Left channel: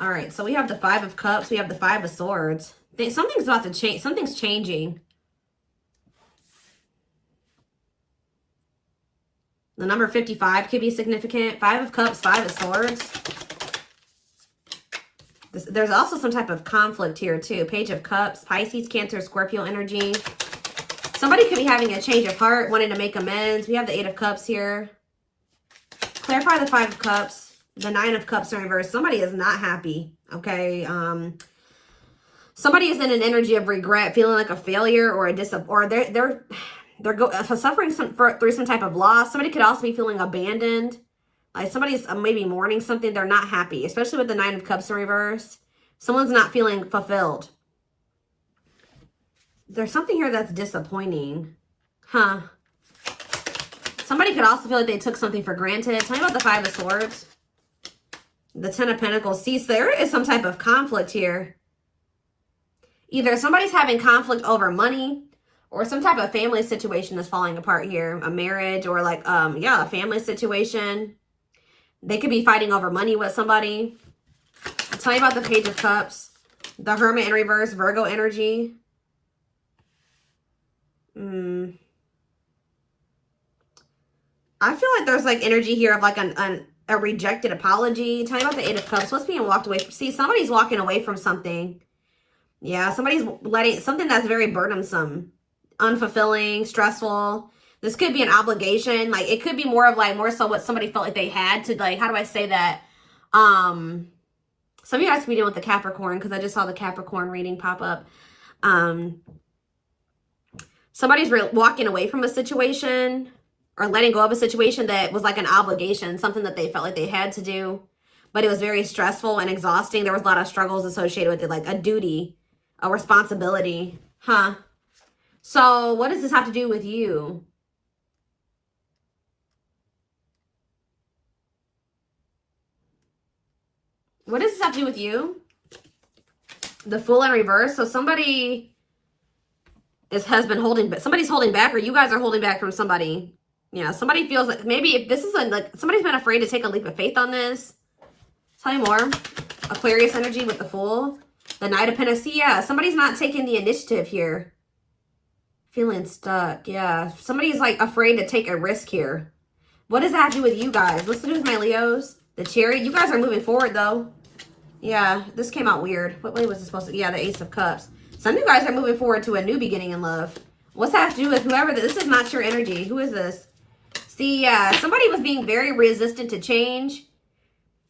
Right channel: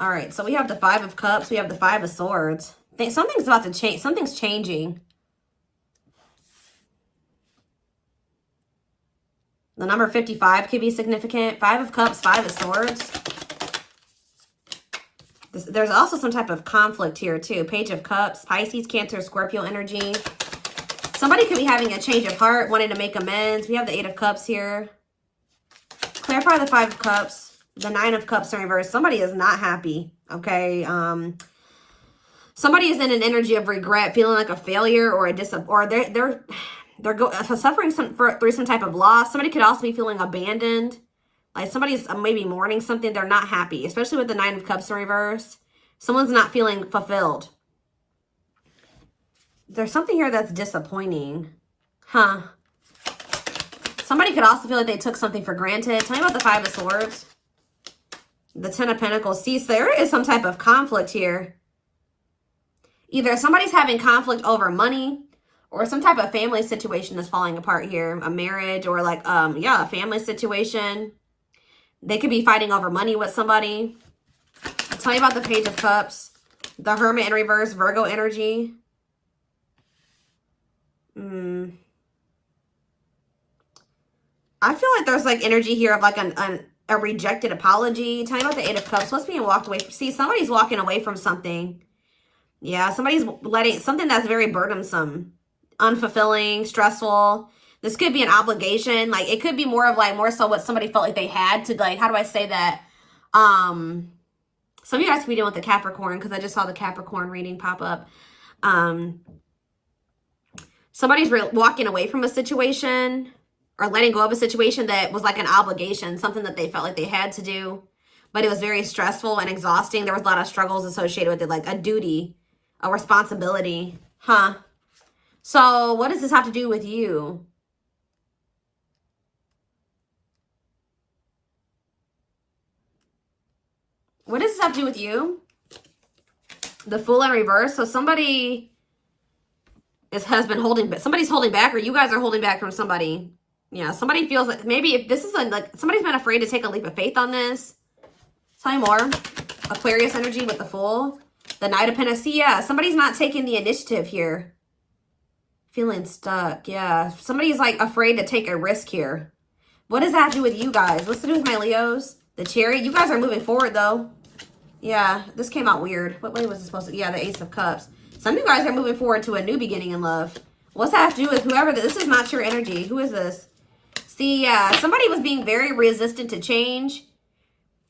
All right, so we have the Five of Cups. We have the Five of Swords. Something's about to change. Something's changing. The number 55 could be significant. Five of Cups, Five of Swords. There's also some type of conflict here, too. Page of Cups, Pisces, Cancer, Scorpio energy. Somebody could be having a change of heart, wanting to make amends. We have the Eight of Cups here. Clarify the Five of Cups. The Nine of Cups in reverse. Somebody is not happy, okay? Somebody is in an energy of regret, feeling like a failure or they're suffering through some type of loss. Somebody could also be feeling abandoned. Like somebody's maybe mourning something. They're not happy, especially with the Nine of Cups in reverse. Someone's not feeling fulfilled. There's something here that's disappointing. Huh? Somebody could also feel like they took something for granted. Tell me about the Five of Swords. The Ten of Pentacles. See, so there is some type of conflict here. Either somebody's having conflict over money or some type of family situation is falling apart here. A marriage or like, a family situation. They could be fighting over money with somebody. Tell me about the Page of Cups. The Hermit in reverse, Virgo energy. I feel like there's like energy here of like a rejected apology. Tell me about the Eight of Cups. What's being walked away from? See, somebody's walking away from something. Yeah, somebody's letting something that's very burdensome, unfulfilling, stressful. This could be an obligation. Like it could be more so what somebody felt like they had to, like, how do I say that? Some of you guys could be dealing with the Capricorn because I just saw the Capricorn reading pop up. Somebody's walking away from a situation or letting go of a situation that was like an obligation, something that they felt like they had to do, but it was very stressful and exhausting. There was a lot of struggles associated with it, like a duty, a responsibility. Huh? So what does this have to do with you? What does this have to do with you? The Fool in reverse. So somebody somebody's holding back, or you guys are holding back from somebody. Yeah, somebody feels like maybe if this is like somebody's been afraid to take a leap of faith on this. Tell me more. Aquarius energy with the Fool. The Knight of Pentacles. Yeah, somebody's not taking the initiative here. Feeling stuck. Yeah, somebody's like afraid to take a risk here. What does that have to do with you guys? What's to do with my Leos? The Chariot. You guys are moving forward though. Yeah, this came out weird. What way was it supposed to? Yeah, the Ace of Cups. Some of you guys are moving forward to a new beginning in love. What's that have to do with whoever this is? Not your energy. Who is this? See, somebody was being very resistant to change.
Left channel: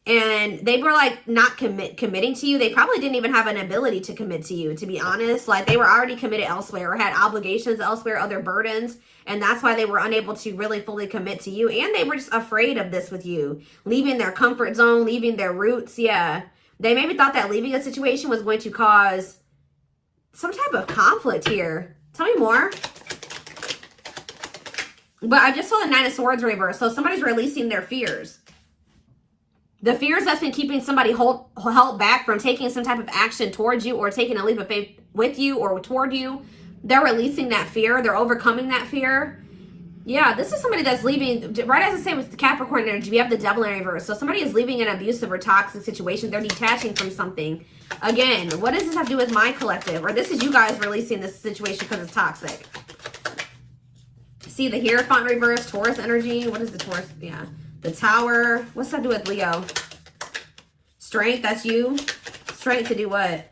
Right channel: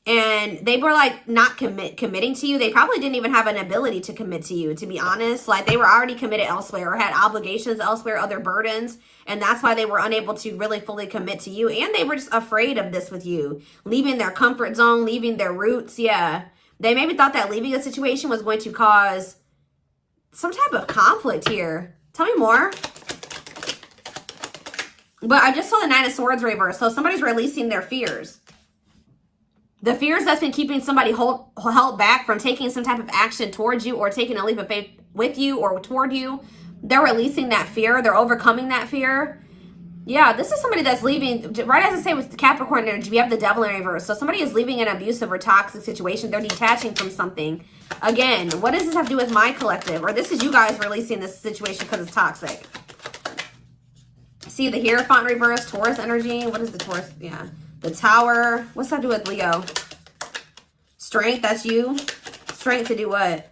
And they were like not committing to you. They probably didn't even have an ability to commit to you, to be honest. Like they were already committed elsewhere or had obligations elsewhere, other burdens. And that's why they were unable to really fully commit to you. And they were just afraid of this with you. Leaving their comfort zone, leaving their roots. Yeah. They maybe thought that leaving a situation was going to cause some type of conflict here. Tell me more. But I just saw the Nine of Swords reverse. So somebody's releasing their fears. The fears that's been keeping somebody held back from taking some type of action towards you or taking a leap of faith with you or toward you. They're releasing that fear. They're overcoming that fear. Yeah, this is somebody that's leaving. Right as I say with the Capricorn energy, we have the Devil in reverse. So somebody is leaving an abusive or toxic situation. They're detaching from something. Again, what does this have to do with my collective? Or this is you guys releasing this situation because it's toxic. See the Hierophant reverse, Taurus energy. What is the Taurus? Yeah. The Tower. What's that to do with Leo? Strength, that's you. Strength to do what?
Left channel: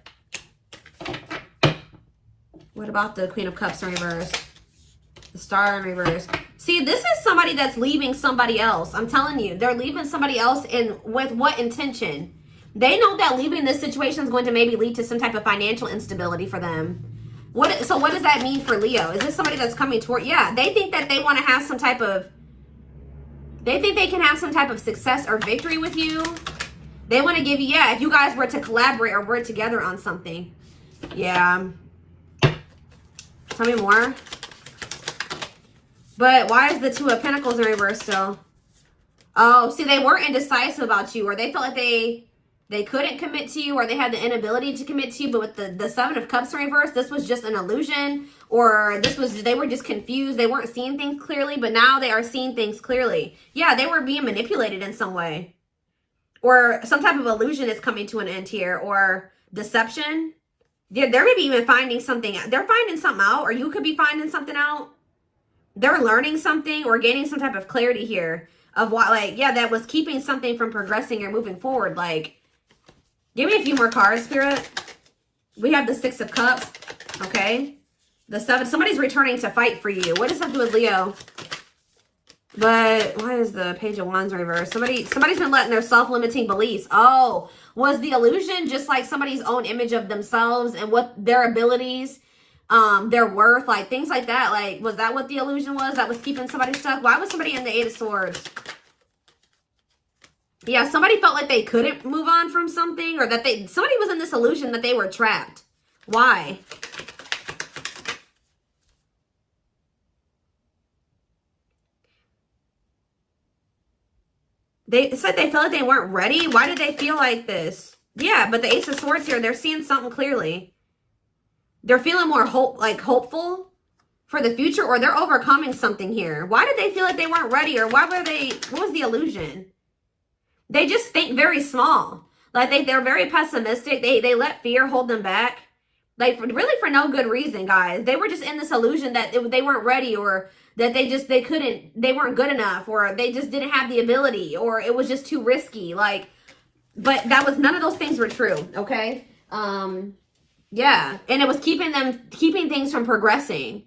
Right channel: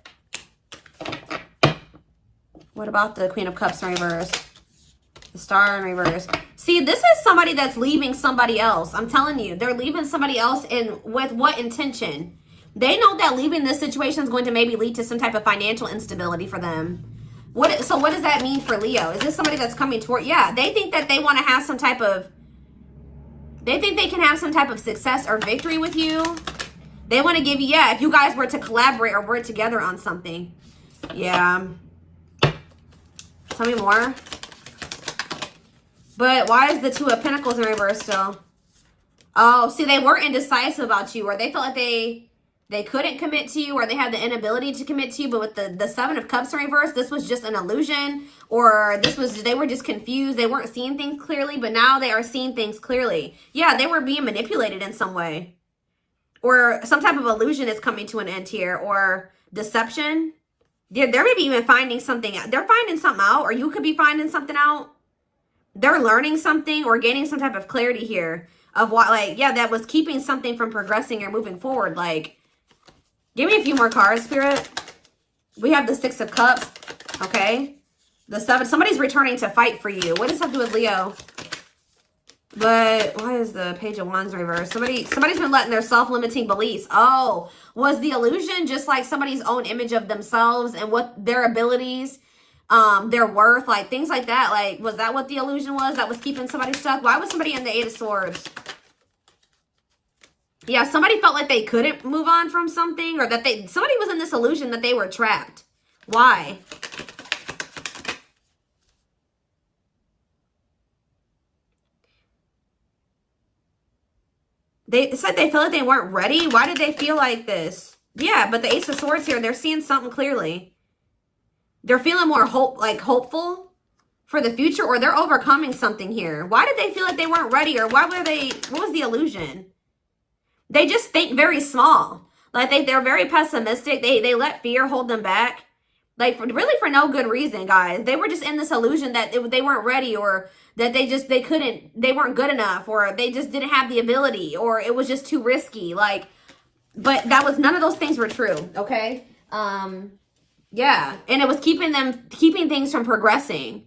What about the Queen of Cups in reverse? The Star in reverse. See, this is somebody that's leaving somebody else. I'm telling you, they're leaving somebody else with what intention? They know that leaving this situation is going to maybe lead to some type of financial instability for them. So what does that mean for Leo? Is this somebody that's coming toward? Yeah, they think that they want to have some type of, they think they can have some type of success or victory with you. They want to give you, yeah, if you guys were to collaborate or work together on something. Yeah. Tell me more. But why is the Two of Pentacles in reverse still? Oh, see, they were indecisive about you, or they felt like they couldn't commit to you, or they had the inability to commit to you. But with the Seven of Cups in reverse, this was just an illusion, or they were just confused. They weren't seeing things clearly, but now they are seeing things clearly. Yeah, they were being manipulated in some way. Or some type of illusion is coming to an end here, or deception. Yeah, they're maybe even finding something out. They're finding something out, or you could be finding something out. They're learning something or gaining some type of clarity here of what, like, yeah, that was keeping something from progressing or moving forward. Like, give me a few more cards, Spirit. We have the Six of Cups, okay? The Seven. Somebody's returning to fight for you. What does that do with Leo? But why is the Page of Wands reversed? Somebody's been letting their self-limiting beliefs. Oh, was the illusion just like somebody's own image of themselves and what their abilities, their worth, like things like that? Like, was that what the illusion was that was keeping somebody stuck? Why was somebody in the Eight of Swords? Yeah, somebody felt like they couldn't move on from something, or that somebody was in this illusion that they were trapped. Why? They said they felt like they weren't ready. Why did they feel like this? Yeah, but the Ace of Swords here, they're seeing something clearly. They're feeling more hopeful for the future, or they're overcoming something here. Why did they feel like they weren't ready, or what was the illusion? They just think very small. Like they're very pessimistic. They let fear hold them back. Like really for no good reason, guys. They were just in this illusion that they weren't ready, or that they weren't good enough, or they just didn't have the ability, or it was just too risky. Like, but none of those things were true, okay? Yeah, and it was keeping things from progressing.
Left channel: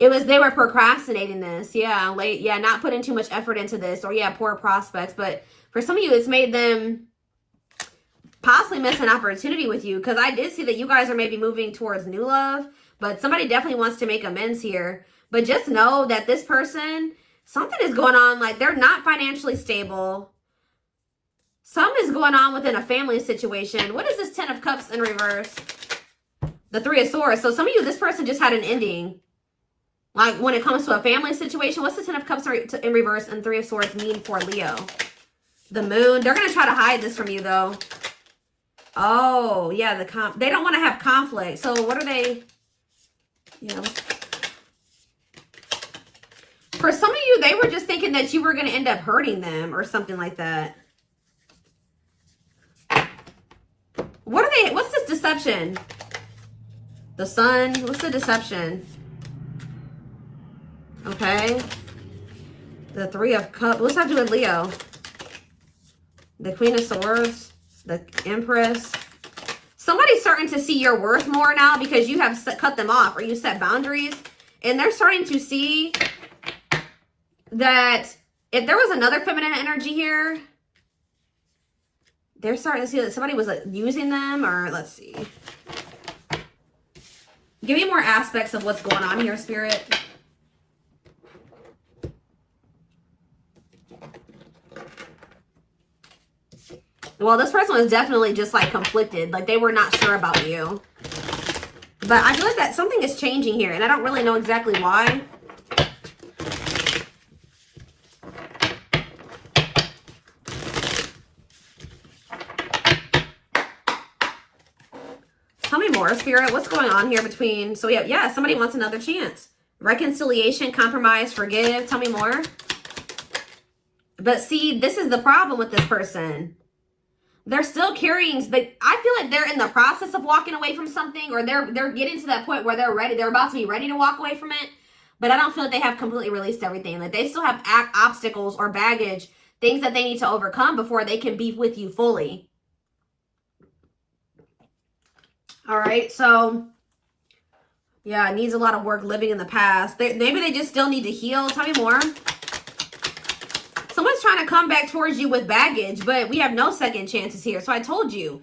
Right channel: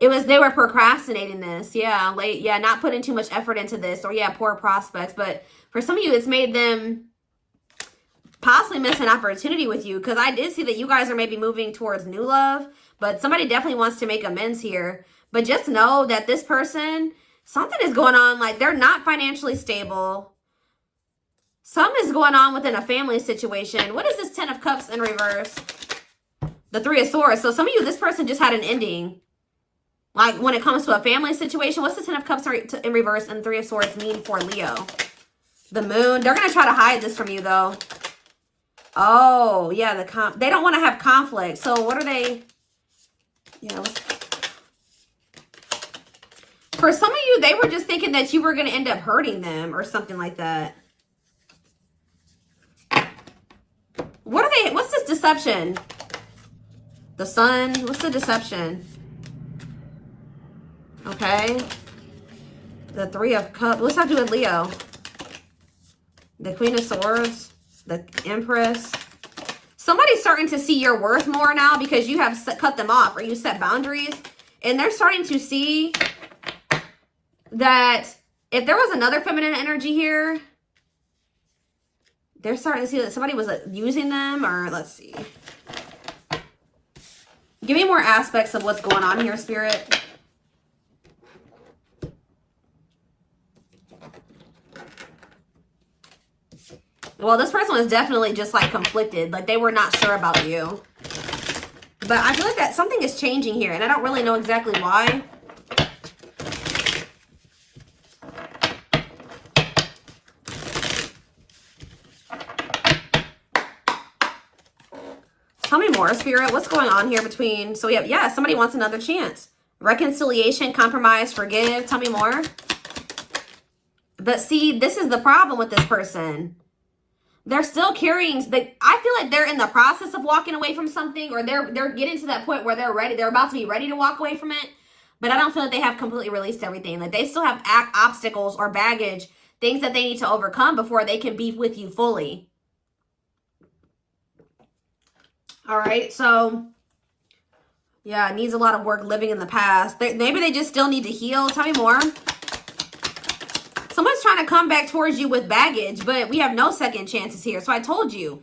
They were procrastinating this, yeah, not putting too much effort into this, or yeah, poor prospects. But for some of you, it's made them possibly miss an opportunity with you, because I did see that you guys are maybe moving towards new love, but somebody definitely wants to make amends here. But just know that this person, something is going on. Like, they're not financially stable. Something is going on within a family situation. What is this Ten of Cups in reverse? The Three of Swords. So some of you, this person just had an ending. Like, when it comes to a family situation, what's the Ten of Cups in reverse and Three of Swords mean for Leo? The Moon. They're going to try to hide this from you, though. Oh, yeah, they don't want to have conflict. So what are they? Yeah. For some of you, they were just thinking that you were going to end up hurting them or something like that. What's this deception? The Sun. What's the deception? Okay. The Three of Cups. What's that doing with Leo? The Queen of Swords. The Empress. Somebody's starting to see your worth more now because you have cut them off, or you set boundaries. And they're starting to see that if there was another feminine energy here, they're starting to see that somebody was using them, or let's see. Give me more aspects of what's going on here, Spirit. Well, this person was definitely just like conflicted. Like they were not sure about you. But I feel like that something is changing here, and I don't really know exactly why. Tell me more, Spirit. What's going on here between... So, yeah, somebody wants another chance. Reconciliation, compromise, forgive. Tell me more. But see, this is the problem with this person. They're still carrying... I feel like they're in the process of walking away from something, or they're getting to that point where they're ready. They're about to be ready to walk away from it. But I don't feel like they have completely released everything. Like, they still have obstacles or baggage, things that they need to overcome before they can be with you fully. All right, so, yeah, it needs a lot of work living in the past. Maybe they just still need to heal. Tell me more. Someone's trying to come back towards you with baggage, but we have no second chances here. So I told you,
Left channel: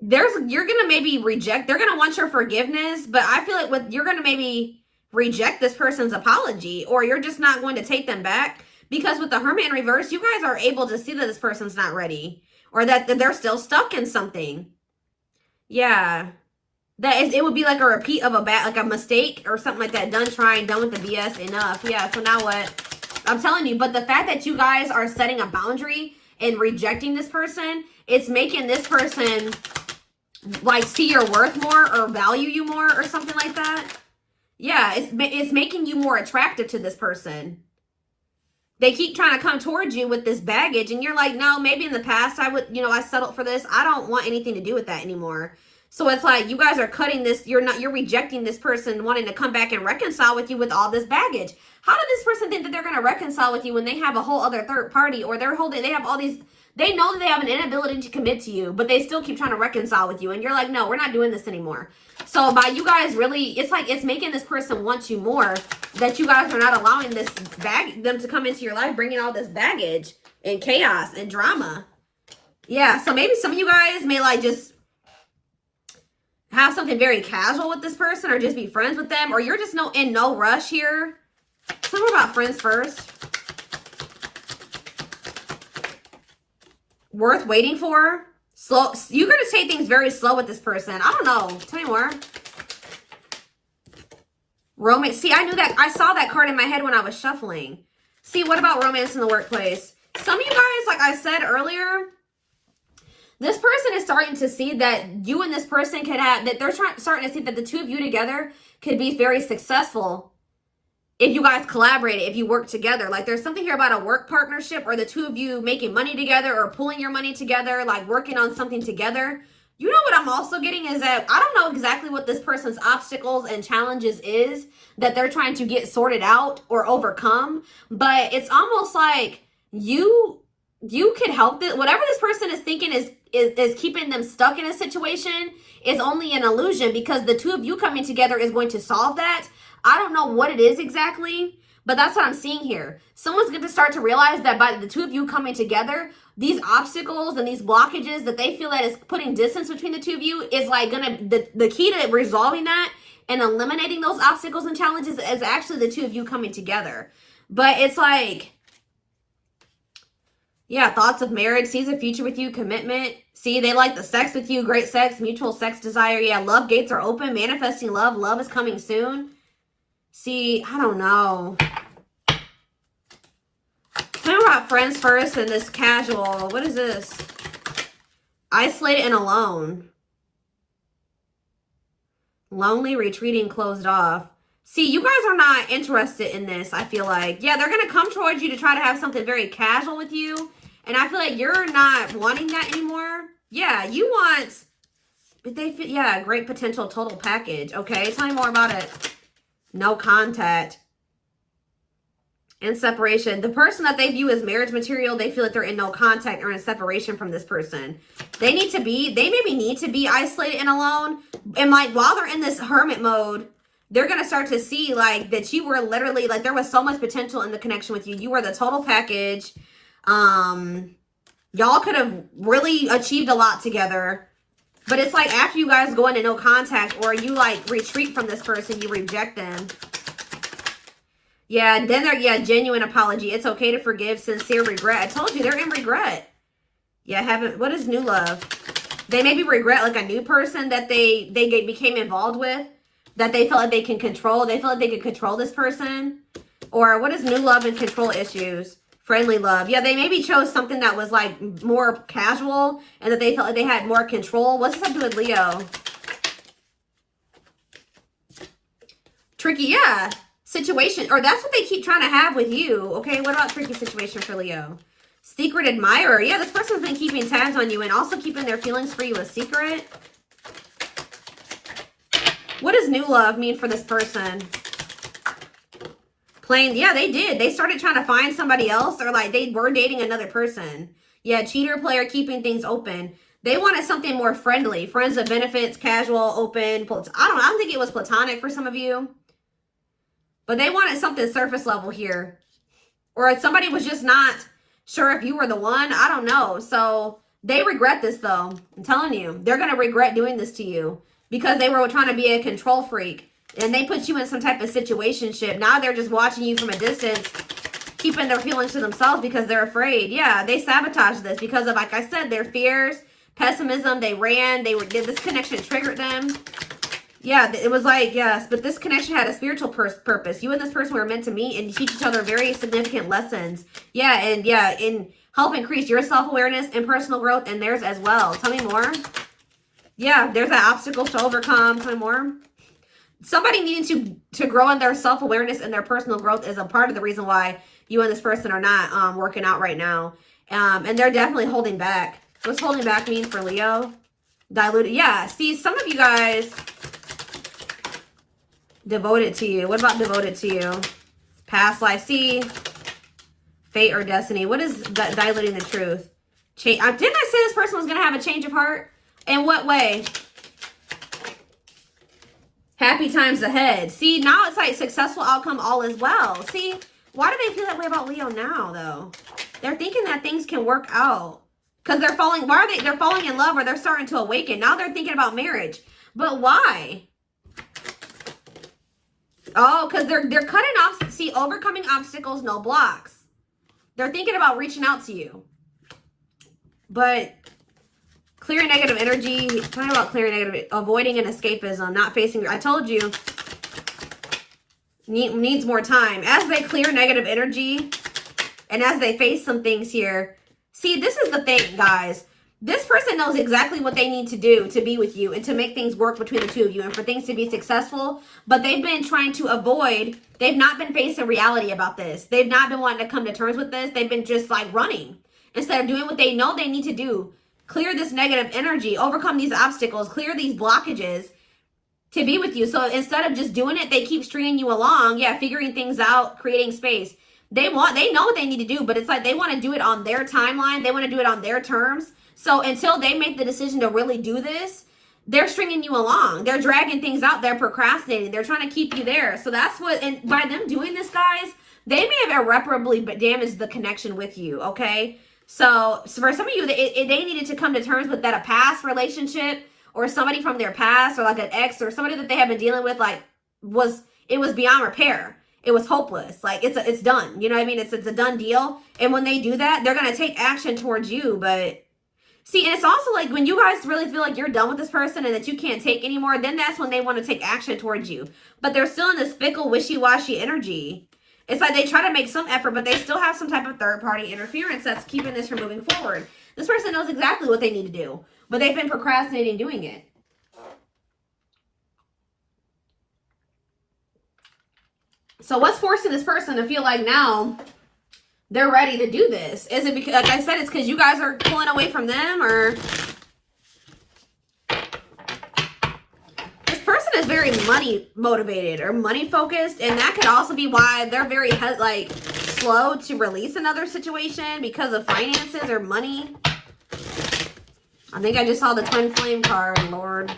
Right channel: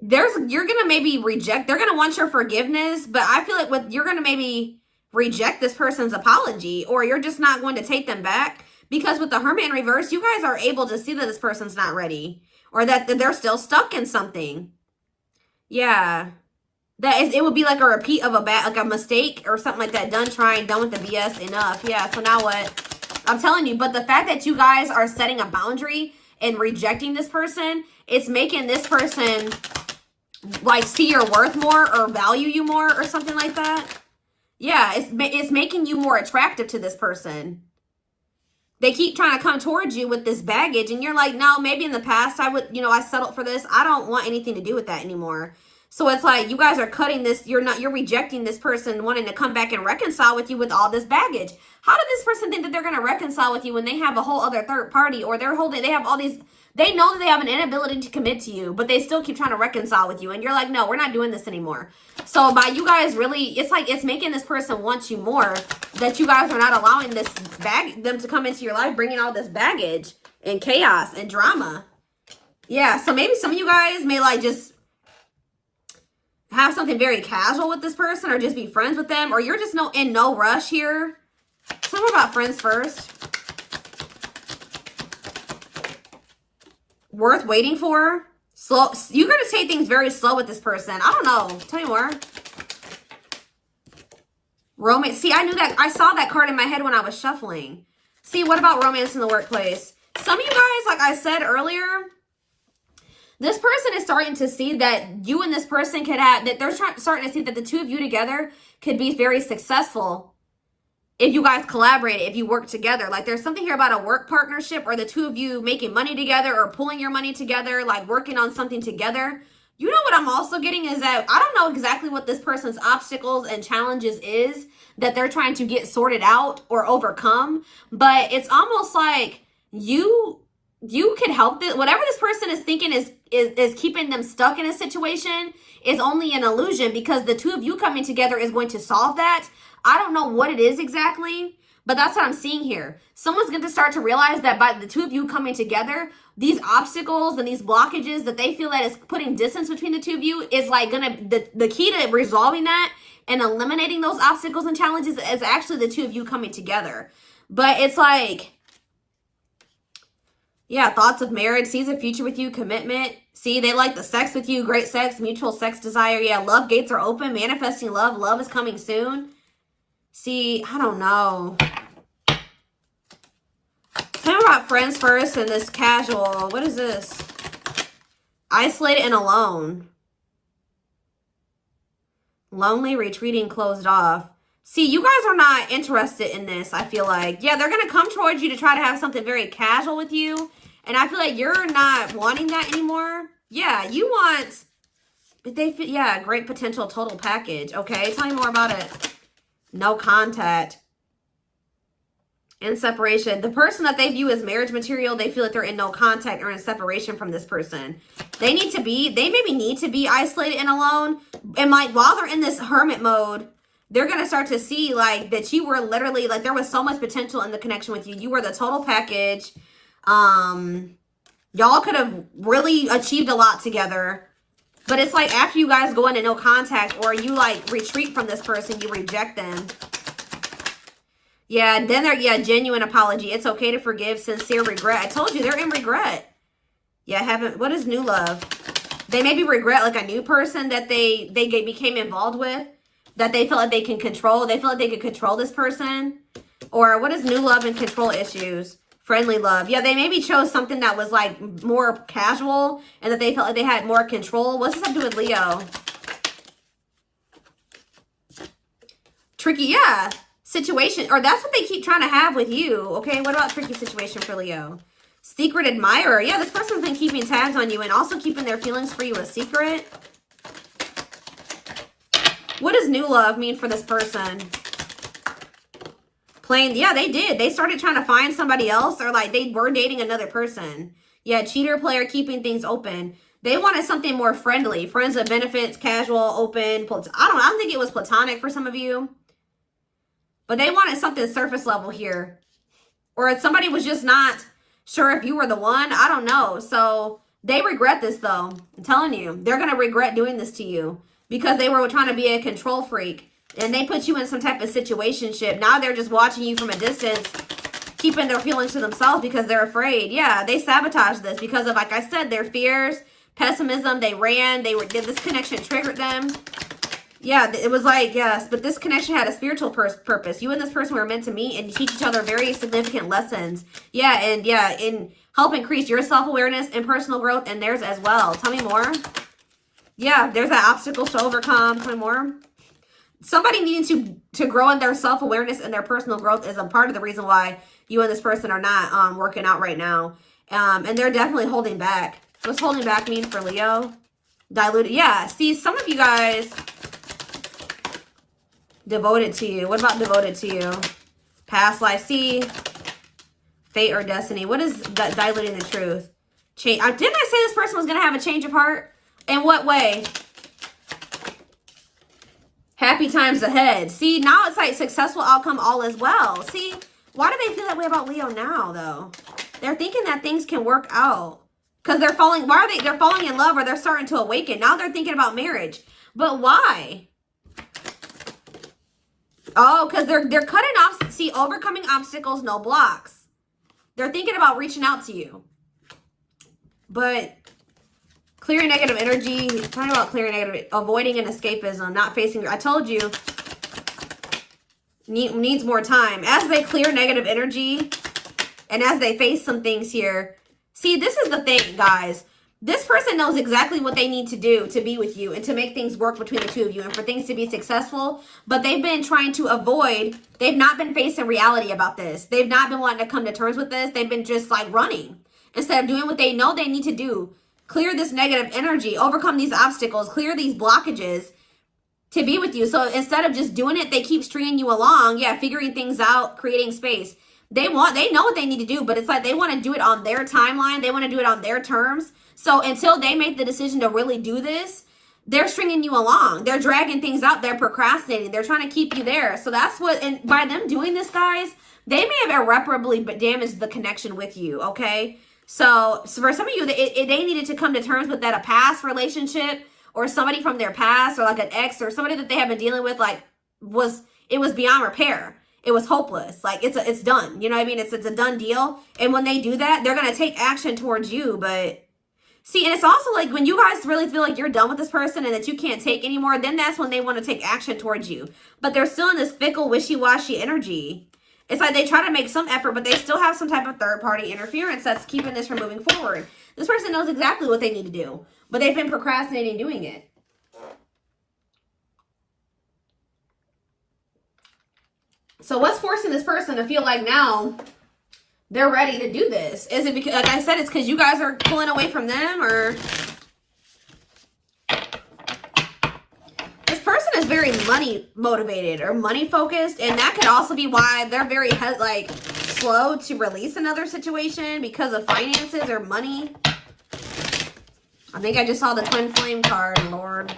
you're going to maybe reject. They're going to want your forgiveness, but I feel like you're going to maybe reject this person's apology, or you're just not going to take them back. Because with the Hermit in reverse, you guys are able to see that this person's not ready, or that they're still stuck in something. Yeah. It would be like a repeat of a mistake or something like that. Done trying, done with the BS, enough. Yeah, so now what? I'm telling you, but the fact that you guys are setting a boundary and rejecting this person, it's making this person like see your worth more or value you more or something like that. Yeah, it's making you more attractive to this person. they keep trying to come towards you with this baggage, and you're like, no, maybe in the past I would, you know, I settled for this. I don't want anything to do with that anymore. So it's like you guys are cutting this. You're rejecting this person wanting to come back and reconcile with you with all this baggage. How did this person think that they're going to reconcile with you when they have a whole other third party, or they have all these, they know that they have an inability to commit to you, but they still keep trying to reconcile with you. And you're like, no, we're not doing this anymore. So by you guys really, it's like, it's making this person want you more, that you guys are not allowing them to come into your life, bringing all this baggage and chaos and drama. Yeah. So maybe some of you guys may like just have something very casual with this person, or just be friends with them, or you're just in no rush here. Tell me about friends first. Worth waiting for. Slow. You're going to take things very slow with this person. I don't know. Tell me more. Romance. See, I knew that. I saw that card in my head when I was shuffling. See, what about romance in the workplace? Some of you guys, like I said earlier, this person is starting to see that you and this person could have, that they're starting to see that the two of you together could be very successful if you guys collaborate, if you work together. Like there's something here about a work partnership, or the two of you making money together, or pooling your money together, like working on something together. You know what I'm also getting is that I don't know exactly what this person's obstacles and challenges is that they're trying to get sorted out or overcome, but it's almost like you can help this. Whatever this person is thinking is keeping them stuck in a situation is only an illusion, because the two of you coming together is going to solve that. I don't know what it is exactly, but that's what I'm seeing here. Someone's going to start to realize that by the two of you coming together, these obstacles and these blockages that they feel that is putting distance between the two of you is like the key to resolving that and eliminating those obstacles and challenges is actually the two of you coming together. But it's like, yeah, thoughts of marriage, sees a future with you, commitment. See, they like the sex with you, great sex, mutual sex desire. Yeah, love gates are open, manifesting love. Love is coming soon. See, I don't know. Tell me about friends first and this casual. What is this? Isolated and alone. Lonely, retreating, closed off. See, you guys are not interested in this, I feel like. Yeah, they're going to come towards you to try to have something very casual with you. And I feel like you're not wanting that anymore. Yeah, you want, yeah, great potential total package. Okay, tell me more about it. No contact. In separation. The person that they view as marriage material, they feel like they're in no contact or in separation from this person. They maybe need to be isolated and alone. And like while they're in this hermit mode, they're going to start to see like that you were literally, like there was so much potential in the connection with you. You were the total package. Y'all could have really achieved a lot together. But it's like after you guys go into no contact, or you like retreat from this person, you reject them. Yeah, then they're, yeah, genuine apology. It's okay to forgive, sincere regret. I told you, they're in regret. Yeah, what is new love? They maybe regret like a new person that they became involved with, that they feel like they can control. They feel like they can control this person. Or what is new love and control issues? Friendly love. Yeah, they maybe chose something that was like more casual and that they felt like they had more control. What's this have to do with Leo? Tricky, yeah. Situation, or that's what they keep trying to have with you. Okay, what about tricky situation for Leo? Secret admirer. Yeah, this person's been keeping tabs on you and also keeping their feelings for you a secret. What does new love mean for this person? Plain, yeah, they did. They started trying to find somebody else, or like they were dating another person. Yeah, cheater, player, keeping things open. They wanted something more friendly. Friends with benefits, casual, open. I don't know. I don't think it was platonic for some of you. But they wanted something surface level here. Or somebody was just not sure if you were the one. I don't know. So they regret this though. I'm telling you. They're going to regret doing this to you. Because they were trying to be a control freak. And they put you in some type of situationship. Now they're just watching you from a distance. Keeping their feelings to themselves because they're afraid. Yeah, they sabotaged this. Because of, like I said, their fears, pessimism. They ran. This connection triggered them. Yeah, it was like, yes, but this connection had a spiritual purpose. You and this person were meant to meet and teach each other very significant lessons. Yeah, and help increase your self-awareness and personal growth and theirs as well. Tell me more. Yeah, there's an obstacle to overcome. Tell me more. somebody needing to grow in their self-awareness and their personal growth is a part of the reason why you and this person are not working out right now. And they're definitely holding back. What's holding back mean for Leo? Diluted. Yeah, see, some of you guys devoted to you. What about devoted to you? Past life. See, fate or destiny. What is that diluting the truth? Didn't I say this person was going to have a change of heart? In what way? Happy times ahead. See, now it's like successful outcome, all is well. See, why do they feel that way about Leo now, though? They're thinking that things can work out. Because they're falling, why are they? They're falling in love or they're starting to awaken. Now they're thinking about marriage. But why? Oh, because they're cutting off, see, overcoming obstacles, no blocks. They're thinking about reaching out to you. But clearing negative energy, talking about clearing negative, avoiding an escapism, not facing, I told you, needs more time. As they clear negative energy and as they face some things here, see, this is the thing, guys. This person knows exactly what they need to do to be with you and to make things work between the two of you and for things to be successful. But they've been trying to avoid, they've not been facing reality about this. They've not been wanting to come to terms with this. They've been just like running instead of doing what they know they need to do. Clear this negative energy, overcome these obstacles, clear these blockages to be with you. So instead of just doing it, they keep stringing you along. Yeah, figuring things out, creating space. They know what they need to do, but it's like they want to do it on their timeline. They want to do it on their terms. So until they make the decision to really do this, they're stringing you along. They're dragging things out. They're procrastinating. They're trying to keep you there. So that's what, and by them doing this, guys, they may have irreparably damaged the connection with you, okay? So for some of you, they needed to come to terms with that a past relationship or somebody from their past or like an ex or somebody that they have been dealing with, like, it was beyond repair. It was hopeless. Like, it's done. You know what I mean? It's a done deal. And when they do that, they're going to take action towards you, but... See, and it's also like when you guys really feel like you're done with this person and that you can't take anymore, then that's when they want to take action towards you. But they're still in this fickle, wishy-washy energy. It's like they try to make some effort, but they still have some type of third-party interference that's keeping this from moving forward. This person knows exactly what they need to do, but they've been procrastinating doing it. So what's forcing this person to feel like now they're ready to do this? Is it because, like I said, it's because you guys are pulling away from them, or this person is very money motivated or money focused, and that could also be why they're very like slow to release another situation because of finances or money. I think I just saw the twin flame card, Lord.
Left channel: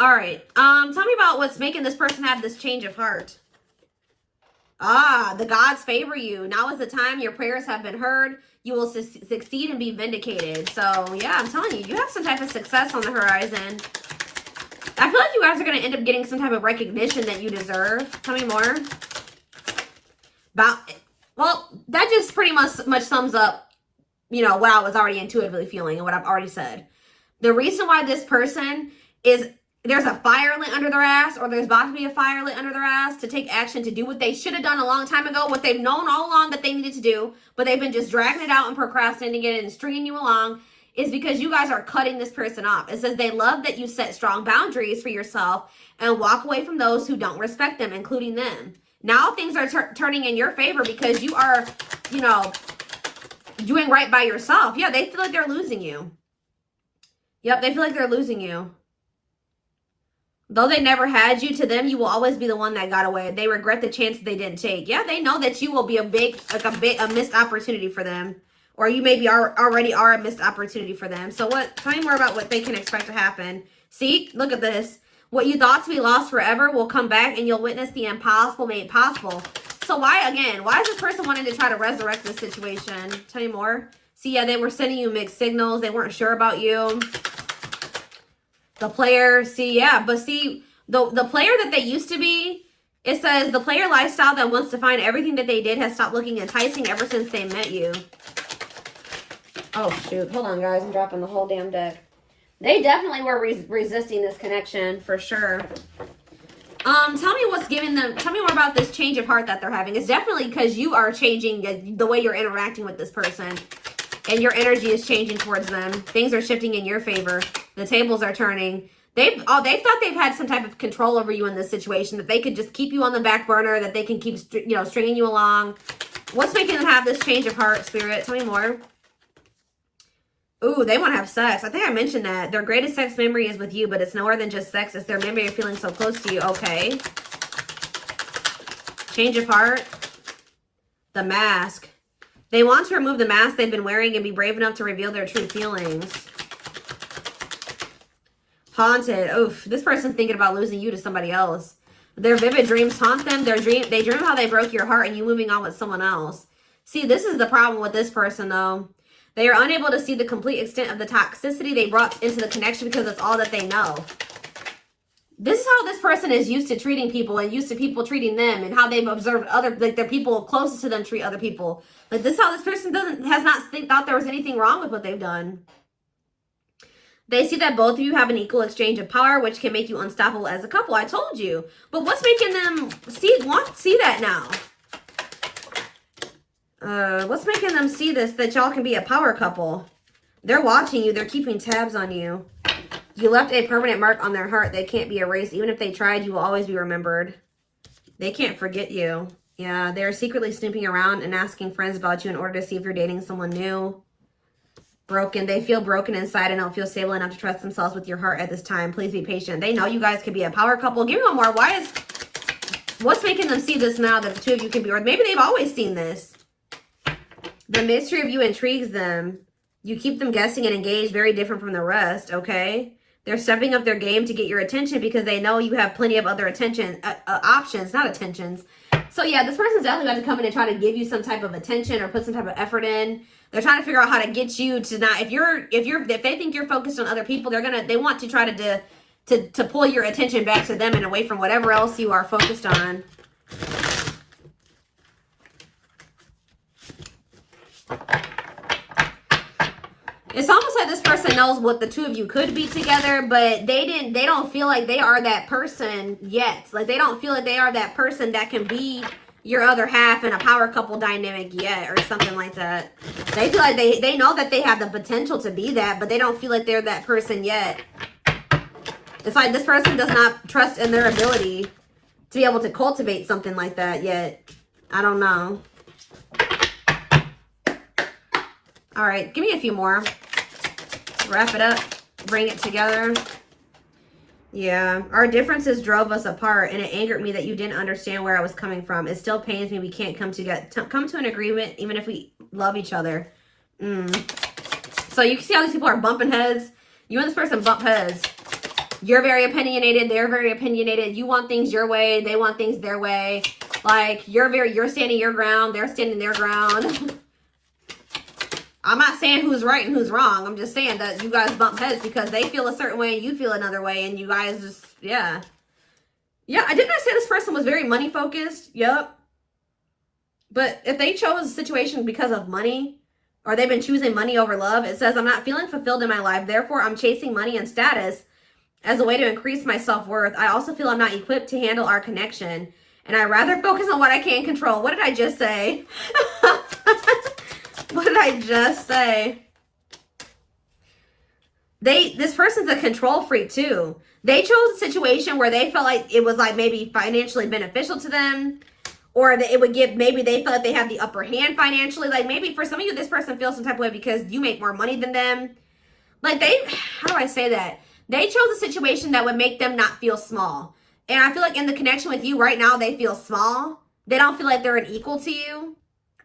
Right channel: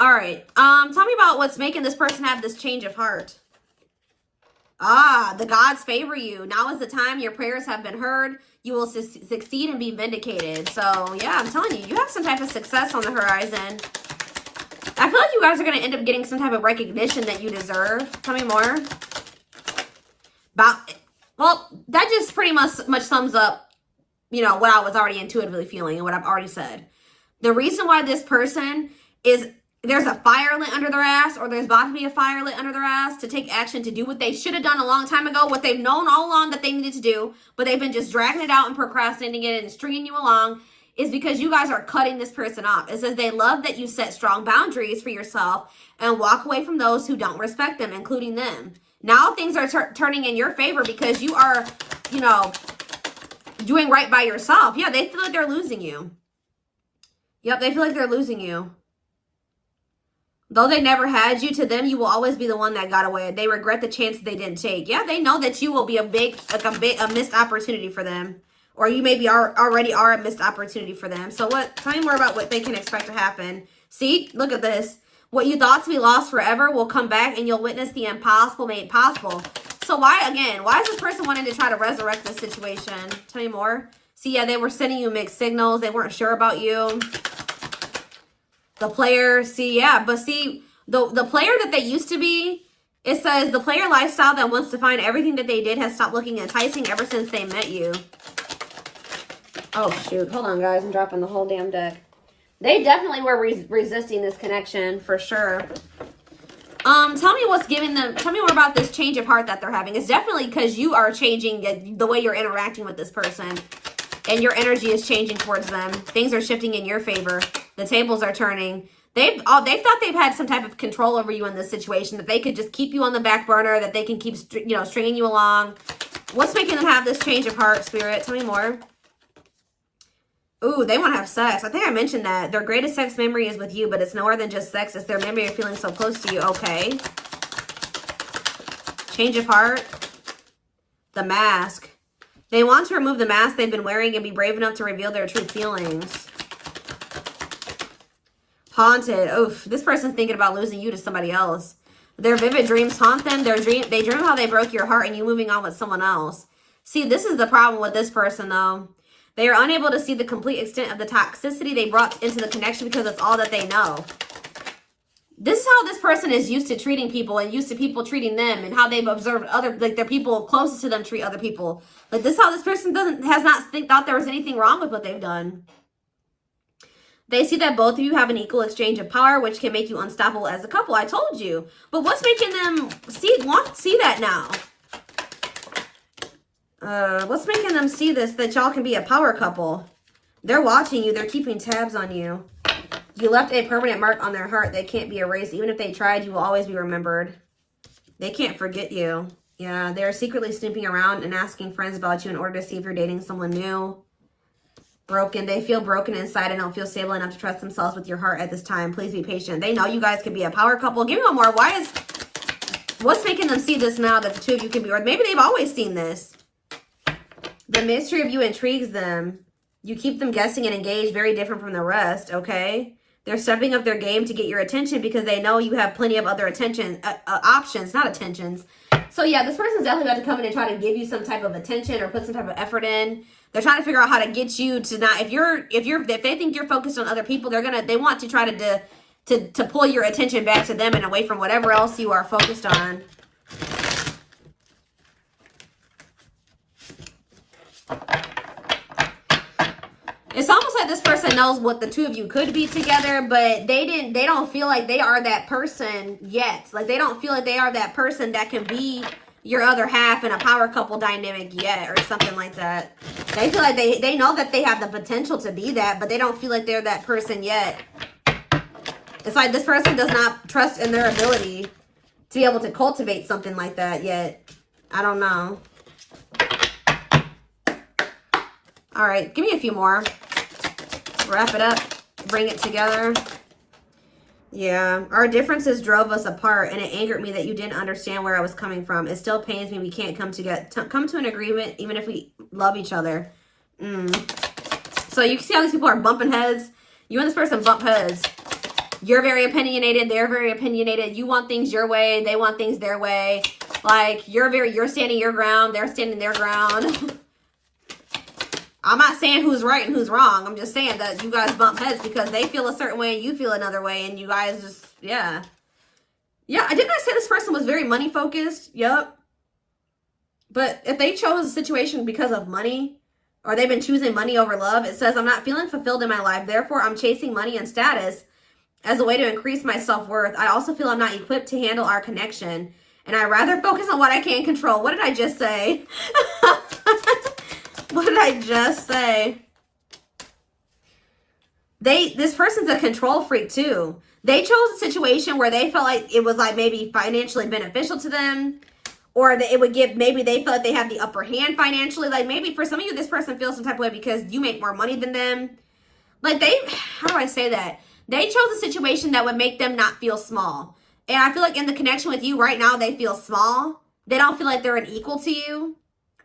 All right. Tell me about what's making this person have this change of heart. Ah, the gods favor you. Now is the time. Your prayers have been heard. You will succeed and be vindicated. So, yeah, I'm telling you, you have some type of success on the horizon. I feel like you guys are going to end up getting some type of recognition that you deserve. Tell me more. Well, that just pretty much sums up, you know, what I was already intuitively feeling and what I've already said. The reason why this person is... there's a fire lit under their ass, or there's about to be a fire lit under their ass to take action to do what they should have done a long time ago, what they've known all along that they needed to do, but they've been just dragging it out and procrastinating it and stringing you along, is because you guys are cutting this person off. It says they love that you set strong boundaries for yourself and walk away from those who don't respect them, including them. Now things are turning in your favor because you are, you know, doing right by yourself. Yeah, they feel like they're losing you. Yep, they feel like they're losing you. Though they never had you, to them, you will always be the one that got away. They regret the chances they didn't take. Yeah, they know that you will be a missed opportunity for them. Or you maybe already are a missed opportunity for them. So tell me more about what they can expect to happen. See, look at this. What you thought to be lost forever will come back and you'll witness the impossible made possible. So why is this person wanting to try to resurrect this situation? Tell me more. See, yeah, they were sending you mixed signals. They weren't sure about you. The player, see, yeah, but see, the player that they used to be, it says the player lifestyle that wants to find everything that they did has stopped looking enticing ever since they met you. Oh, shoot. Hold on, guys. I'm dropping the whole damn deck. They definitely were resisting this connection, for sure. Tell me what's giving them, tell me more about this change of heart that they're having. It's definitely because you are changing the way you're interacting with this person. And your energy is changing towards them. Things are shifting in your favor. The tables are turning. They've thought they've had some type of control over you in this situation, that they could just keep you on the back burner, that they can keep, you know, stringing you along. What's making them have this change of heart, Spirit? Tell me more. Ooh, they want to have sex. I think I mentioned that. Their greatest sex memory is with you, but it's nowhere than just sex. It's their memory of feeling so close to you. Okay. Change of heart. The mask. They want to remove the mask they've been wearing and be brave enough to reveal their true feelings. Haunted. Oof, this person's thinking about losing you to somebody else. Their vivid dreams haunt them. They dream how they broke your heart and you moving on with someone else. See, this is the problem with this person, though. They are unable to see the complete extent of the toxicity they brought into the connection because it's all that they know. This is how this person is used to treating people and used to people treating them, and how they've observed other, like, their people closest to them treat other people. But this is how this person has not thought there was anything wrong with what they've done. They see that both of you have an equal exchange of power, which can make you unstoppable as a couple. I told you. But what's making them see that now? What's making them see this, that y'all can be a power couple? They're watching you. They're keeping tabs on you. You left a permanent mark on their heart. They can't be erased. Even if they tried, you will always be remembered. They can't forget you. Yeah, they're secretly snooping around and asking friends about you in order to see if you're dating someone new. Broken. They feel broken inside and don't feel stable enough to trust themselves with your heart at this time. Please be patient. They know you guys could be a power couple. Give me one more. What's making them see this now that the two of you can be, or maybe they've always seen this. The mystery of you intrigues them. You keep them guessing and engaged, very different from the rest, okay? They're stepping up their game to get your attention because they know you have plenty of other options, not attentions. So yeah, this person's definitely about to come in and try to give you some type of attention or put some type of effort in. They're trying to figure out how to get you to not, if they think you're focused on other people, they want to try to pull your attention back to them and away from whatever else you are focused on. It's almost like this person knows what the two of you could be together, but they don't feel like they are that person yet. Like, they don't feel like they are that person that can be your other half in a power couple dynamic yet, or something like that. They feel like they know that they have the potential to be that, but they don't feel like they're that person yet. It's like this person does not trust in their ability to be able to cultivate something like that yet. I don't know. All right, give me a few more. Wrap it up. Bring it together. Yeah, our differences drove us apart, and it angered me that you didn't understand where I was coming from. It still pains me we can't come to an agreement, even if we love each other. So you can see how these people are bumping heads. You and this person bump heads. You're very opinionated. They're very opinionated. You want things your way. They want things their way. Like, you're standing your ground. They're standing their ground. I'm not saying who's right and who's wrong. I'm just saying that you guys bump heads because they feel a certain way and you feel another way, and you guys just, yeah. Yeah, I didn't say this person was very money focused. Yep. But if they chose a situation because of money, or they've been choosing money over love, it says, I'm not feeling fulfilled in my life. Therefore, I'm chasing money and status as a way to increase my self-worth. I also feel I'm not equipped to handle our connection, and I'd rather focus on what I can control. What did I just say? What did I just say? This person's a control freak too. They chose a situation where they felt like it was like maybe financially beneficial to them, or that it would give, maybe they felt like they had the upper hand financially. Like, maybe for some of you, this person feels some type of way because you make more money than them. Like, how do I say that? They chose a situation that would make them not feel small. And I feel like in the connection with you right now, they feel small. They don't feel like they're an equal to you,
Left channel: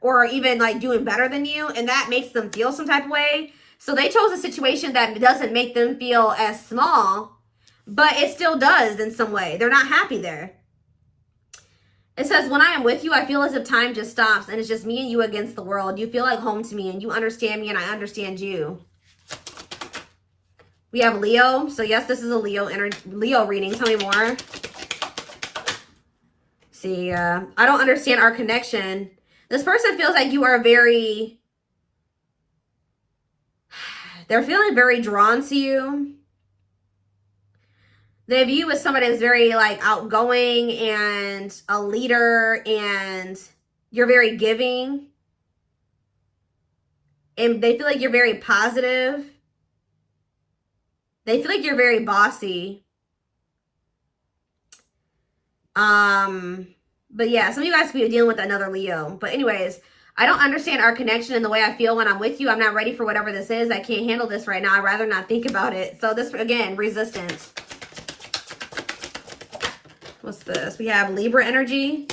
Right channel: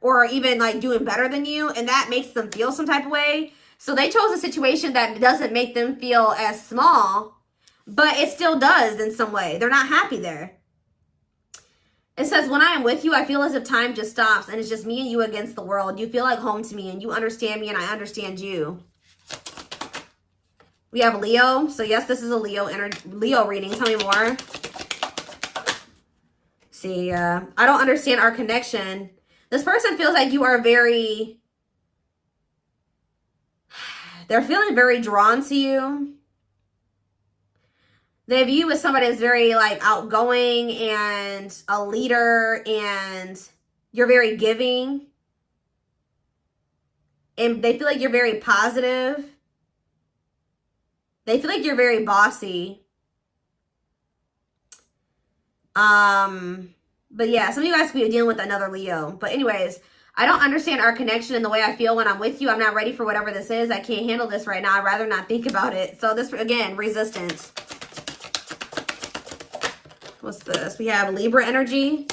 or even like doing better than you, and that makes them feel some type of way. So they chose a situation that doesn't make them feel as small, but it still does in some way. They're not happy there. It says, when I am with you, I feel as if time just stops and it's just me and you against the world. You feel like home to me and you understand me and I understand you. We have Leo. So yes, this is a Leo reading. Tell me more. See, I don't understand our connection. This person feels like you are they're feeling very drawn to you. They view you as somebody that's very like outgoing and a leader, and you're very giving. And they feel like you're very positive. They feel like you're very bossy. But yeah, some of you guys could be dealing with another Leo. But anyways, I don't understand our connection and the way I feel when I'm with you. I'm not ready for whatever this is. I can't handle this right now. I'd rather not think about it. So this, again, resistance. What's this? We have Libra energy.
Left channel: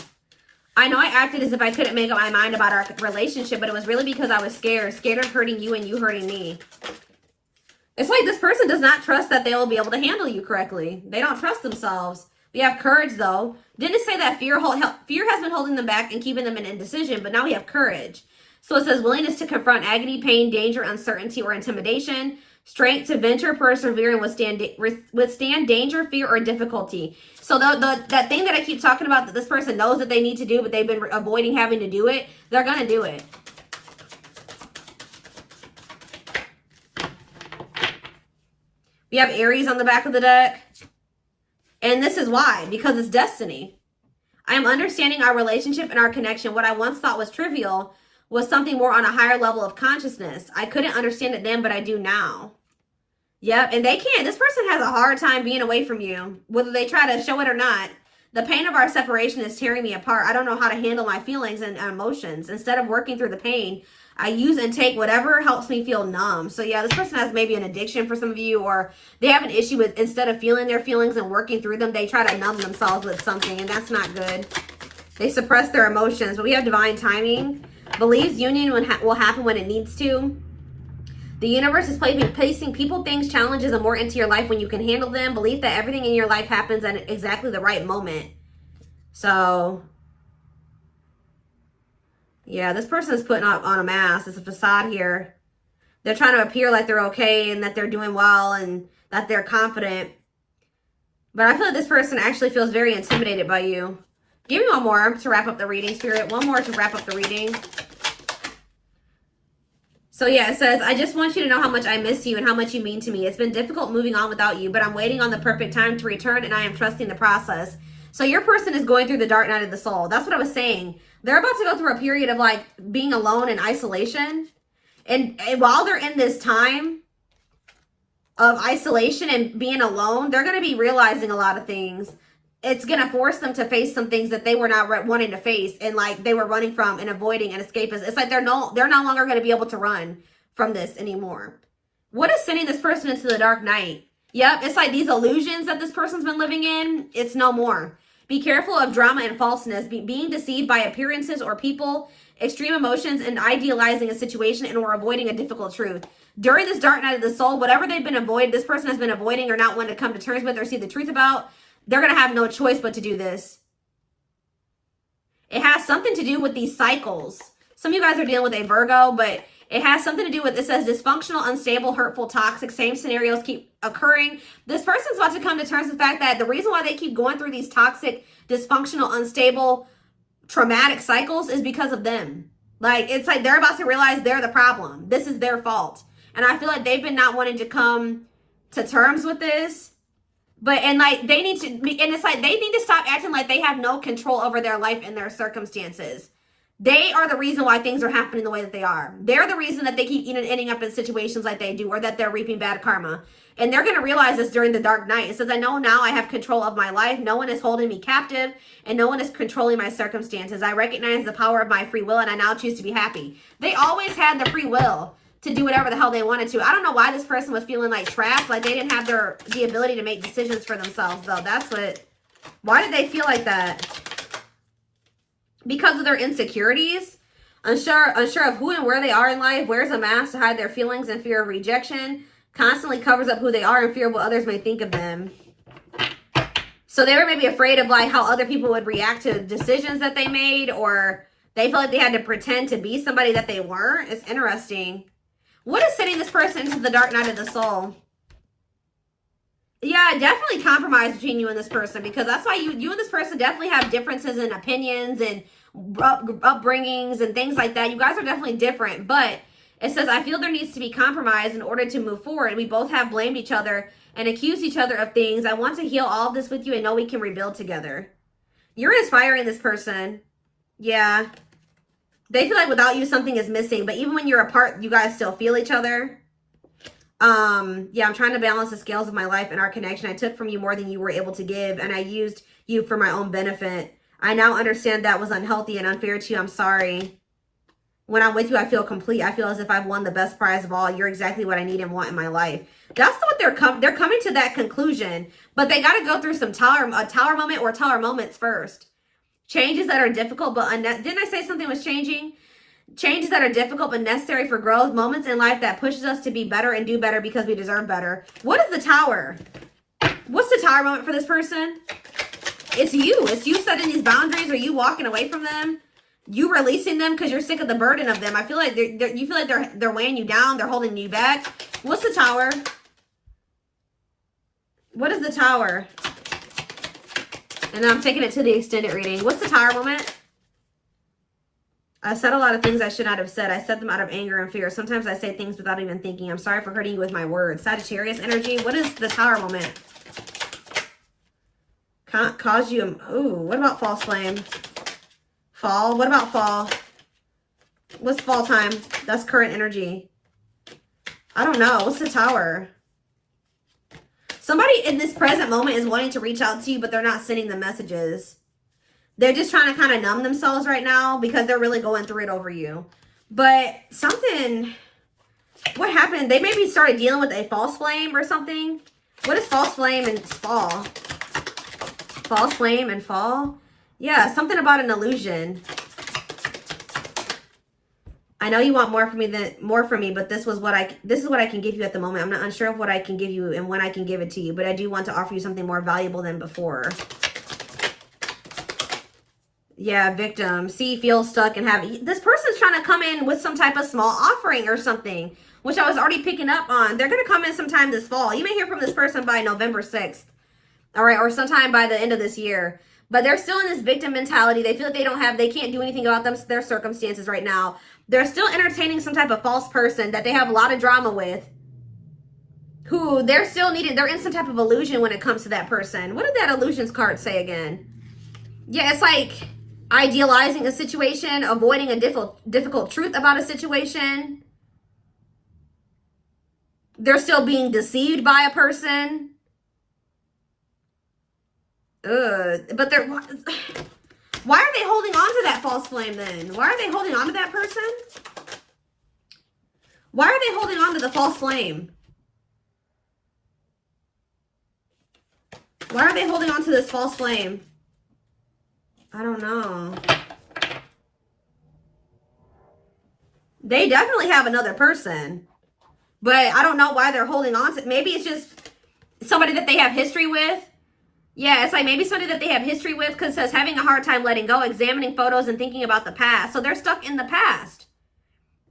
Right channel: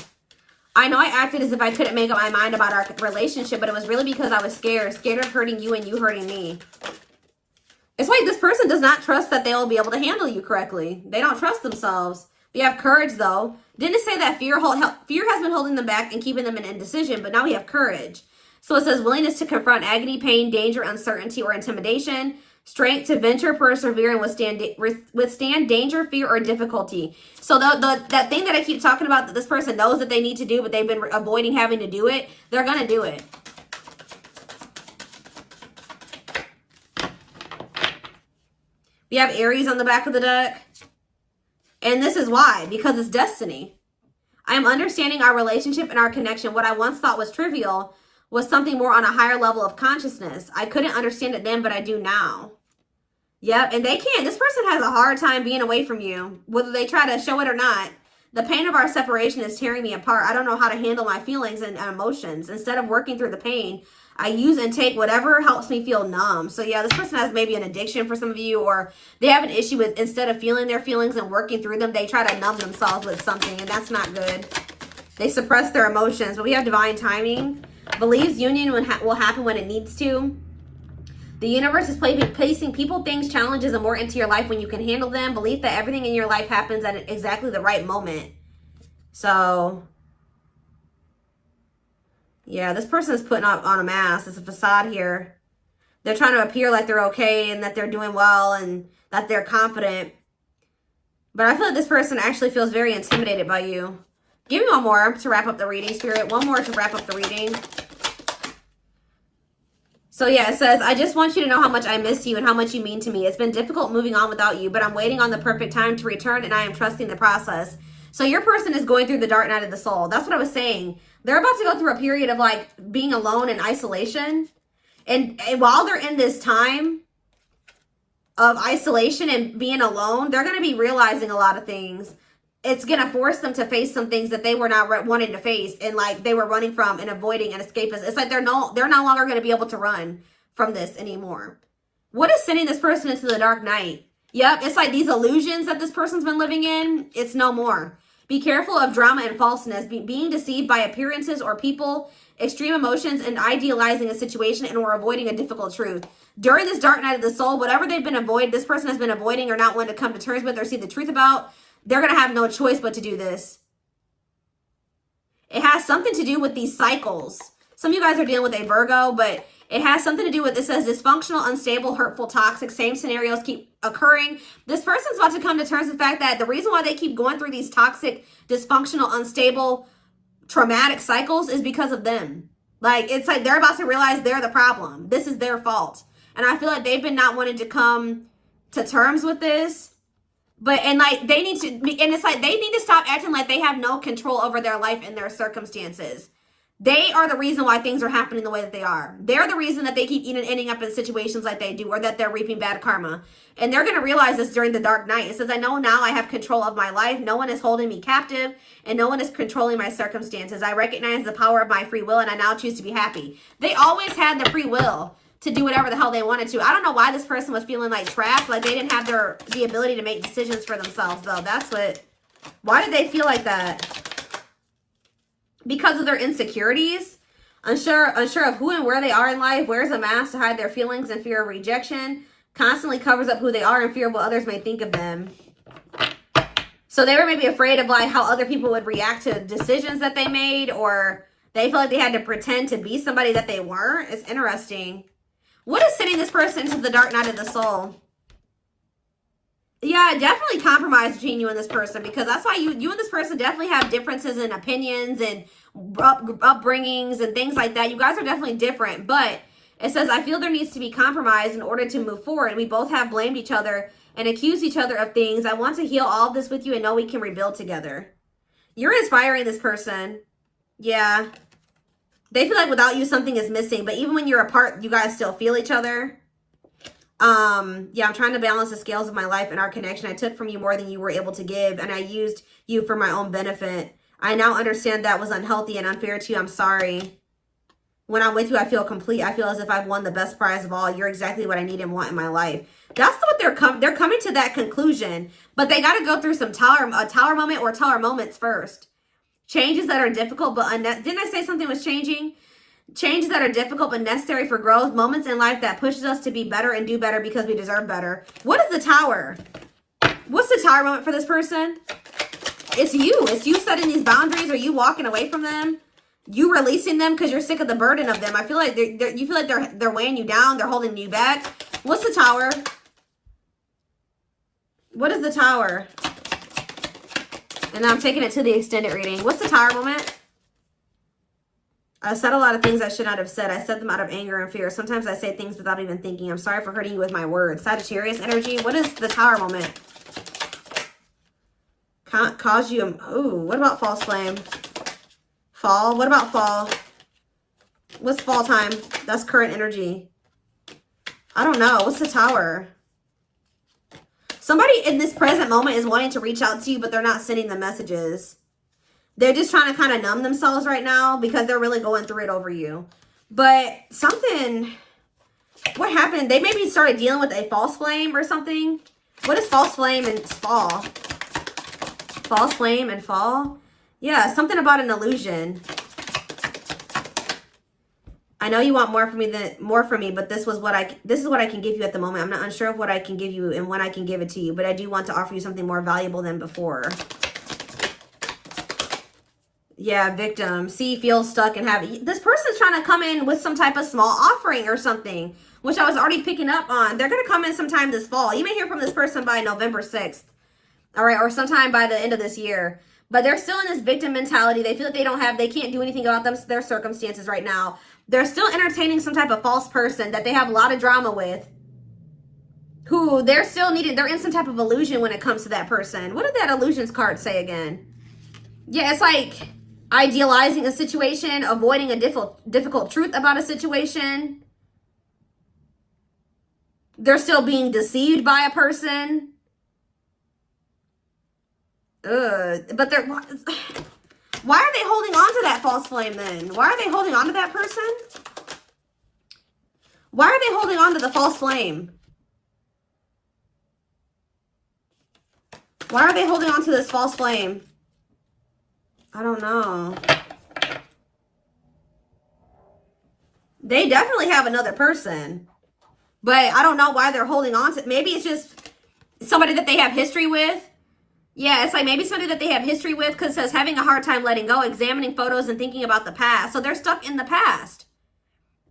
I know I acted as if I couldn't make up my mind about our relationship, but it was really because I was scared. Scared of hurting you and you hurting me. It's like this person does not trust that they'll be able to handle you correctly. They don't trust themselves. We have courage, though. Didn't say that fear has been holding them back and keeping them in indecision, but now we have courage. So it says willingness to confront agony, pain, danger, uncertainty, or intimidation. Strength to venture, persevere, and withstand danger, fear, or difficulty. So that thing that I keep talking about that this person knows that they need to do, but they've been avoiding having to do it, they're going to do it. We have Aries on the back of the deck. And this is why, because it's destiny. I'm understanding our relationship and our connection. What I once thought was trivial was something more on a higher level of consciousness. I couldn't understand it then, but I do now. Yep, and they can't. This person has a hard time being away from you, whether they try to show it or not. The pain of our separation is tearing me apart. I don't know how to handle my feelings and emotions. Instead of working through the pain, I use and take whatever helps me feel numb. So yeah, this person has maybe an addiction for some of you, or they have an issue with, instead of feeling their feelings and working through them, they try to numb themselves with something, and that's not good. They suppress their emotions. But we have divine timing. Believes union will happen when it needs to. The universe is placing people, things, challenges, and more into your life when you can handle them. Believe that everything in your life happens at exactly the right moment. So yeah, this person is putting on a mask. It's a facade here. They're trying to appear like they're okay and that they're doing well and that they're confident. But I feel like this person actually feels very intimidated by you. Give me one more to wrap up the reading, Spirit. One more to wrap up the reading. So yeah, it says, I just want you to know how much I miss you and how much you mean to me. It's been difficult moving on without you, but I'm waiting on the perfect time to return, and I am trusting the process. So your person is going through the dark night of the soul. That's what I was saying. They're about to go through a period of like being alone and isolation. And while they're in this time of isolation and being alone, they're going to be realizing a lot of things. It's going to force them to face some things that they were not wanting to face, and like they were running from and avoiding and escaping. It's like they're no longer going to be able to run from this anymore. What is sending this person into the dark night? Yep, it's like these illusions that this person's been living in, it's no more. Be careful of drama and falseness, being deceived by appearances or people, extreme emotions, and idealizing a situation and or avoiding a difficult truth. During this dark night of the soul, whatever they've been avoiding, this person has been avoiding or not wanting to come to terms with or see the truth about, they're going to have no choice but to do this. It has something to do with these cycles. Some of you guys are dealing with a Virgo, but it has something to do with, it says dysfunctional, unstable, hurtful, toxic, same scenarios keep occurring. This person's about to come to terms with the fact that the reason why they keep going through these toxic, dysfunctional, unstable, traumatic cycles is because of them. Like, it's like they're about to realize they're the problem. This is their fault. And I feel like they've been not wanting to come to terms with this. But, and like, they need to be, and it's like, they need to stop acting like they have no control over their life and their circumstances. They are the reason why things are happening the way that they are. They're the reason that they keep ending up in situations like they do, or that they're reaping bad karma. And they're going to realize this during the dark night. It says, I know now I have control of my life. No one is holding me captive, and no one is controlling my circumstances. I recognize the power of my free will, and I now choose to be happy. They always had the free will to do whatever the hell they wanted to. I don't know why this person was feeling like trapped, like they didn't have the ability to make decisions for themselves, though. That's what, why did they feel like that? Because of their insecurities, unsure of who and where they are in life, wears a mask to hide their feelings and fear of rejection, constantly covers up who they are in fear of what others may think of them. So they were maybe afraid of like how other people would react to decisions that they made, or they feel like they had to pretend to be somebody that they weren't. It's interesting. What is sending this person into the dark night of the soul? Yeah, definitely compromise between you and this person, because that's why you and this person definitely have differences in opinions and upbringings and things like that. You guys are definitely different, but it says, I feel there needs to be compromise in order to move forward. We both have blamed each other and accused each other of things. I want to heal all of this with you and know we can rebuild together. You're inspiring this person. Yeah. They feel like without you, something is missing. But even when you're apart, you guys still feel each other. Yeah, I'm trying to balance the scales of my life and our connection. I took from you more than you were able to give, and I used you for my own benefit. I now understand that was unhealthy and unfair to you. I'm sorry. When I'm with you, I feel complete. I feel as if I've won the best prize of all. You're exactly what I need and want in my life. That's what they're coming to that conclusion, but they got to go through some a tower moment or tower moments first. Changes that are difficult, but didn't I say something was changing? Changes that are difficult but necessary for growth. Moments in life that pushes us to be better and do better because we deserve better. What is the tower? What's the tower moment for this person? It's you. It's you setting these boundaries, or you walking away from them. You releasing them because you're sick of the burden of them. I feel like you feel like they're weighing you down. They're holding you back. What's the tower? What is the tower? And now I'm taking it to the extended reading. What's the tower moment? I said a lot of things I should not have said. I said them out of anger and fear. Sometimes I say things without even thinking. I'm sorry for hurting you with my words. Sagittarius energy. What is the tower moment? Can't cause you. Ooh, what about false flame? Fall. What about fall? What's fall time? That's current energy. I don't know. What's the tower? Somebody in this present moment is wanting to reach out to you, but they're not sending the messages. They're just trying to kind of numb themselves right now because they're really going through it over you. But something, what happened? They maybe started dealing with a false flame or something. What is false flame and fall? False flame and fall? Yeah, something about an illusion. I know you want more from me, but this is what I can give you at the moment. I'm not unsure of what I can give you and when I can give it to you, but I do want to offer you something more valuable than before. Yeah, victim. See, feel stuck and have... This person's trying to come in with some type of small offering or something, which I was already picking up on. They're going to come in sometime this fall. You may hear from this person by November 6th. All right, or sometime by the end of this year. But they're still in this victim mentality. They feel like they can't do anything about their circumstances right now. They're still entertaining some type of false person that they have a lot of drama with. Who they're in some type of illusion when it comes to that person. What did that illusions card say again? Yeah, it's like idealizing a situation, avoiding a difficult truth about a situation. They're still being deceived by a person. But they're... Why are they holding on to that false flame then? Why are they holding on to that person? Why are they holding on to the false flame? Why are they holding on to this false flame? I don't know. They definitely have another person. But I don't know why they're holding on to it. Maybe it's just somebody that they have history with. Yeah, it's like maybe somebody that they have history with, because it says having a hard time letting go, examining photos and thinking about the past. So they're stuck in the past.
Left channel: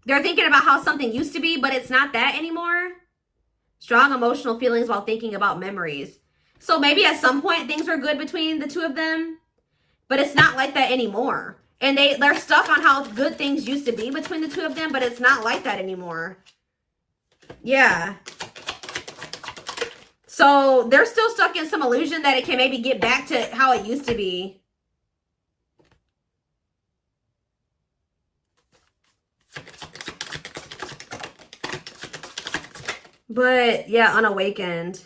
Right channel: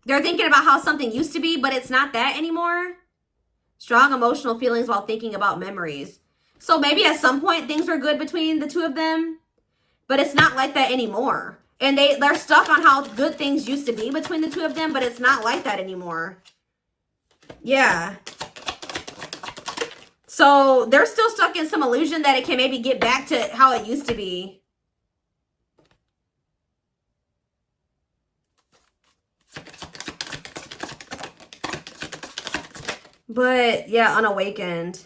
They're thinking about how something used to be, but it's not that anymore. Strong emotional feelings while thinking about memories. So maybe at some point things are good between the two of them, but it's not like that anymore. And they're stuck on how good things used to be between the two of them, but it's not like that anymore. Yeah. So they're still stuck in some illusion that it can maybe get back to how it used to be. But yeah, unawakened.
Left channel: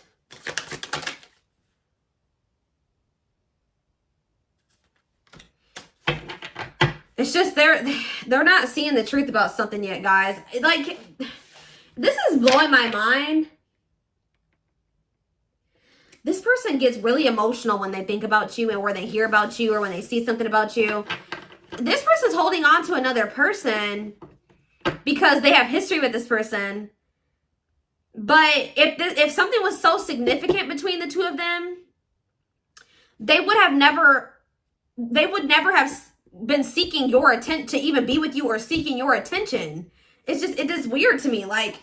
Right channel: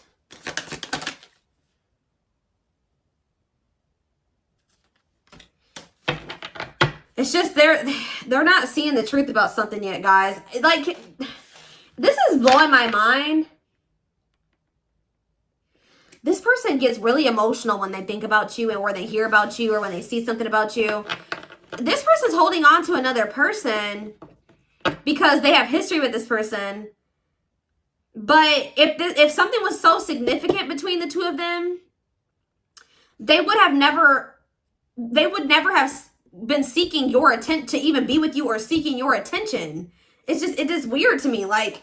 It's just they're not seeing the truth about something yet, guys. Like, this is blowing my mind. This person gets really emotional when they think about you and when they hear about you or when they see something about you. This person's holding on to another person because they have history with this person. But if something was so significant between the two of them, they would never have been seeking your attention to even be with you or seeking your attention. It is weird to me. Like,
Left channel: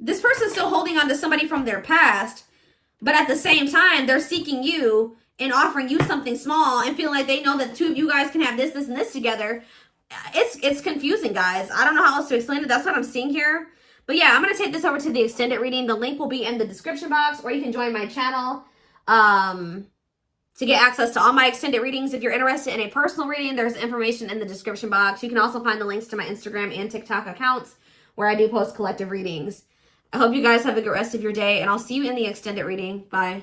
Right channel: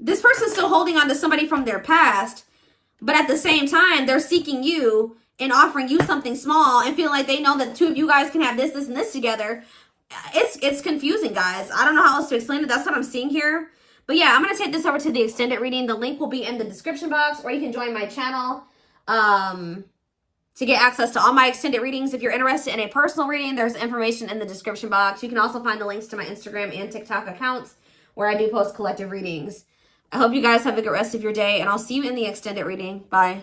this person's still holding on to somebody from their past, but at the same time, they're seeking you and offering you something small and feeling like they know that the two of you guys can have this, this, and this together. It's confusing, guys. I don't know how else to explain it. That's what I'm seeing here. But yeah, I'm going to take this over to the extended reading. The link will be in the description box, or you can join my channel to get access to all my extended readings. If you're interested in a personal reading, there's information in the description box. You can also find the links to my Instagram and TikTok accounts where I do post collective readings. I hope you guys have a good rest of your day, and I'll see you in the extended reading. Bye.